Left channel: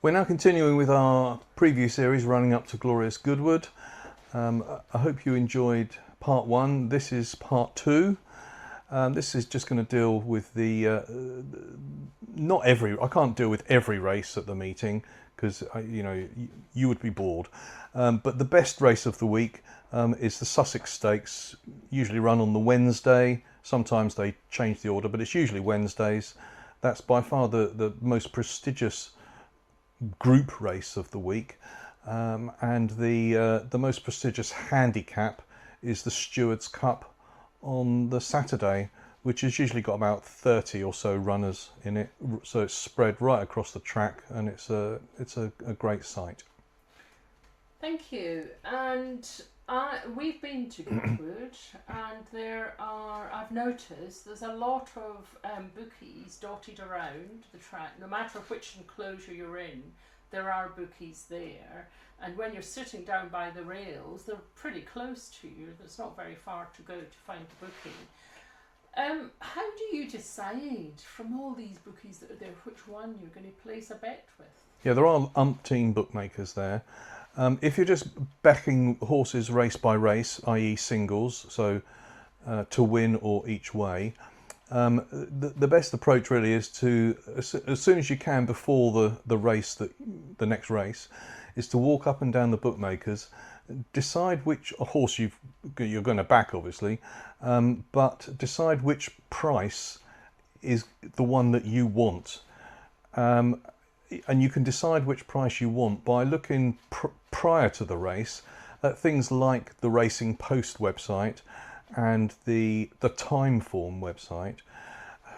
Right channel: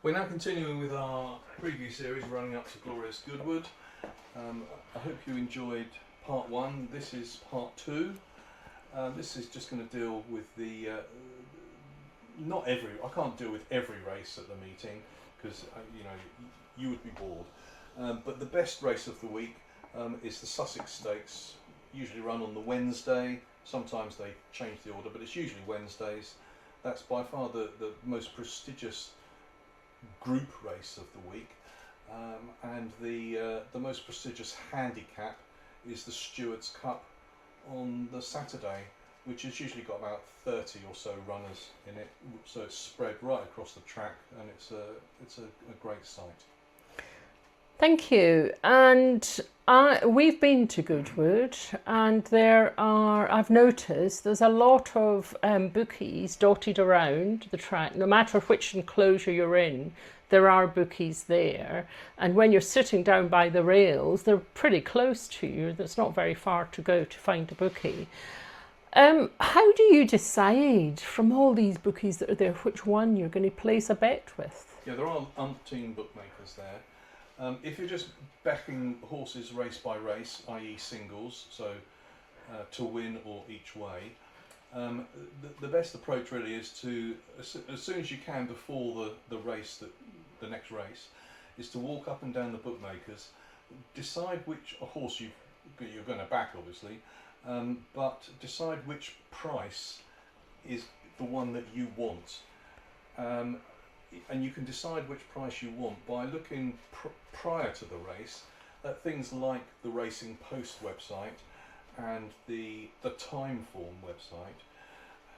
We're now continuing with our preview series running up to Glorious Goodwood. I hope you enjoyed part one. This is part two. This is just going to deal with the I can't deal with every race at the meeting because you would be bored. But the best race of the week is the Sussex Stakes, usually run on the Wednesday. Sometimes they change the order, but it's usually Wednesdays. That's by far the most prestigious group race of the week, and the most prestigious handicap is the Stewards Cup on the Saturday, which has usually got about 30 or so runners in it, so it's spread right across the track, and it's a great sight. Thank you. And we've been to Goodwood, and I've noticed there's a lot of bookies dotted around the track. No matter which enclosure you're in, there are bookies there. And when you're sitting down by the rails, they're pretty close to you. It's not very far to go to find a bookie. How do you decide from all these bookies that are there which one you're going to place a bet with? Yeah, there are umpteen bookmakers there. If you're just backing horses race by race, i.e. singles, so to win or each way, the best approach really is to, as soon as you can before the next race, is to walk up and down the bookmakers, decide which horse you're going to back, obviously, but decide which price is the one that you want. And you can decide which price you want by looking prior to the race at things like the Racing Post website and the Timeform website,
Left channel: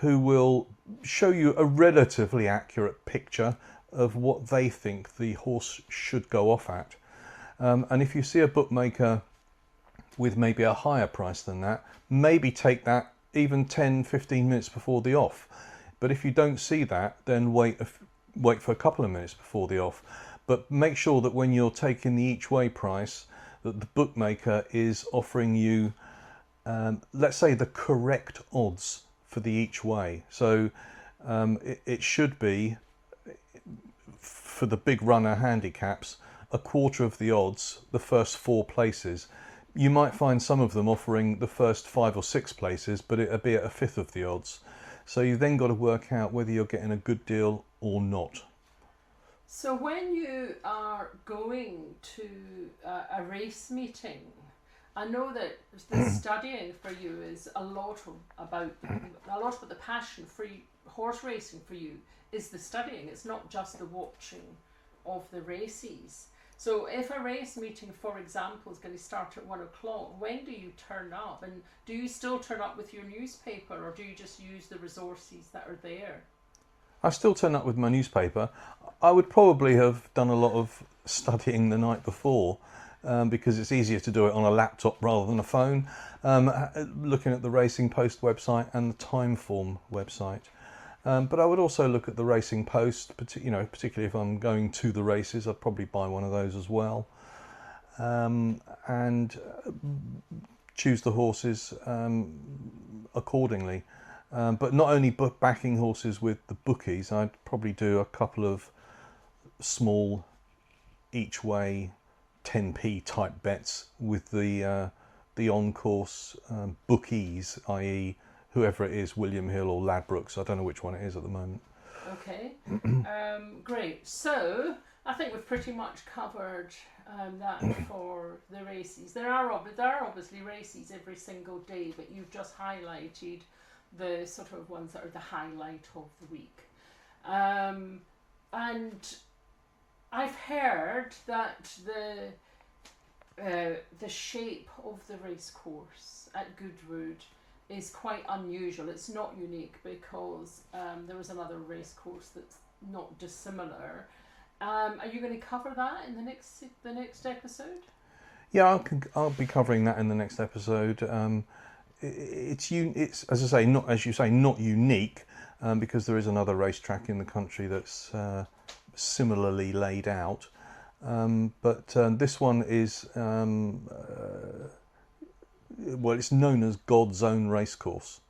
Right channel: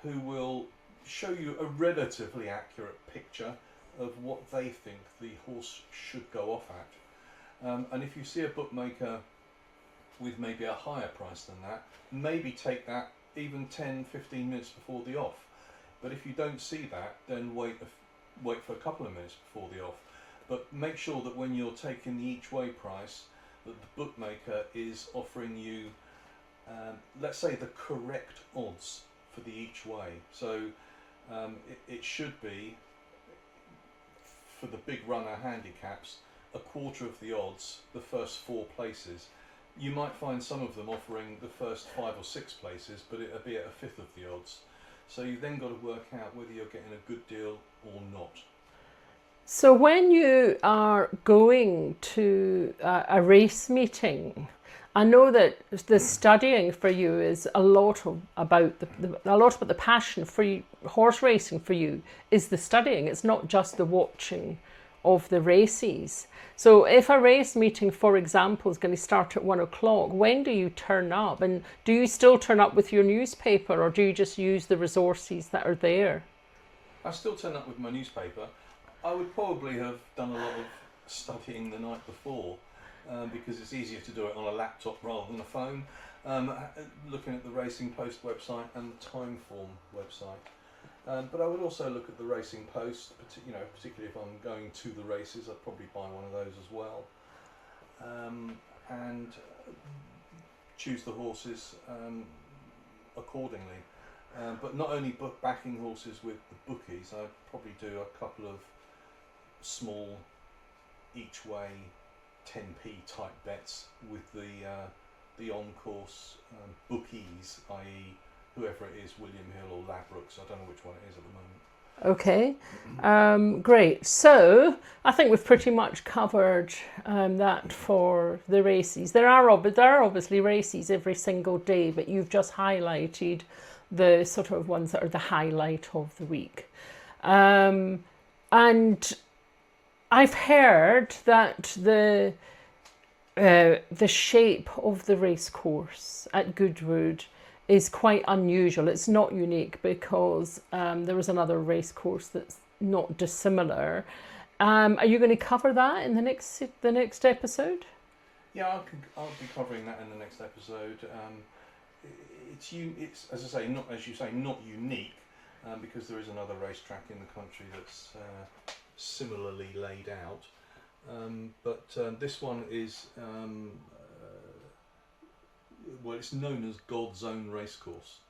who will show you a relatively accurate picture of what they think the horse should go off at. And if you see a bookmaker with maybe a higher price than that, maybe take that even 10-15 minutes before the off. But if you don't see that, then wait for a couple of minutes before the off, but make sure that when you're taking the each way price, that the bookmaker is offering you, let's say, the correct odds for the each way. So it should be, for the big runner handicaps, a quarter of the odds the first 4 places. You might find some of them offering the first 5 or 6 places, but it'll be at a fifth of the odds. So you've then got to work out whether you're getting a good deal or not. So when you are going to a race meeting, I know that the studying for you is a lot about the passion for horse racing for you is the studying. It's not just the watching of the races. So if a race meeting, for example, is going to start at 1 o'clock, when do you turn up? And do you still turn up with your newspaper, or do you just use the resources that are there? I still turn up with my newspaper. I would probably have done a lot of studying the night before, because it's easier to do it on a laptop rather than a phone, looking at the Racing Post website and the Timeform website. But I would also look at the Racing Post, particularly if I'm going to the races. I'd probably buy one of those as well, and choose the horses accordingly. But not only backing horses with the bookies, I'd probably do a couple of small each way 10p type bets with the on-course bookies, i.e. whoever it is, William Hill or Ladbrokes. I don't know which one it is at the moment. Okay, great. So I think we've pretty much covered that for the races. There are obviously races every single day, but you've just highlighted the sort of ones that are the highlight of the week. And I've heard that the shape of the race course at Goodwood is quite unusual. It's not unique because there is another race course that's not dissimilar. Are you going to cover that in the next episode? Yeah, I'll be covering that in the next episode. It's as I say, not, as you say, not unique, because there is another racetrack in the country that's similarly laid out. But this one is well, it's known as God's own racecourse.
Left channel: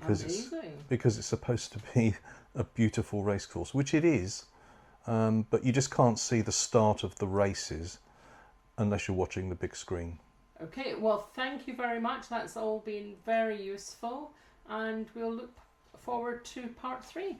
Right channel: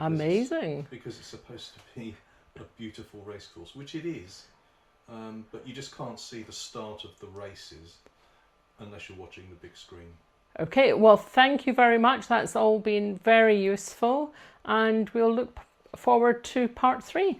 Amazing. Because it's supposed to be a beautiful racecourse, which it is. but you just can't see the start of the races unless you're watching the big screen. Okay, well, thank you very much. That's all been very useful, and we'll look forward to part 3.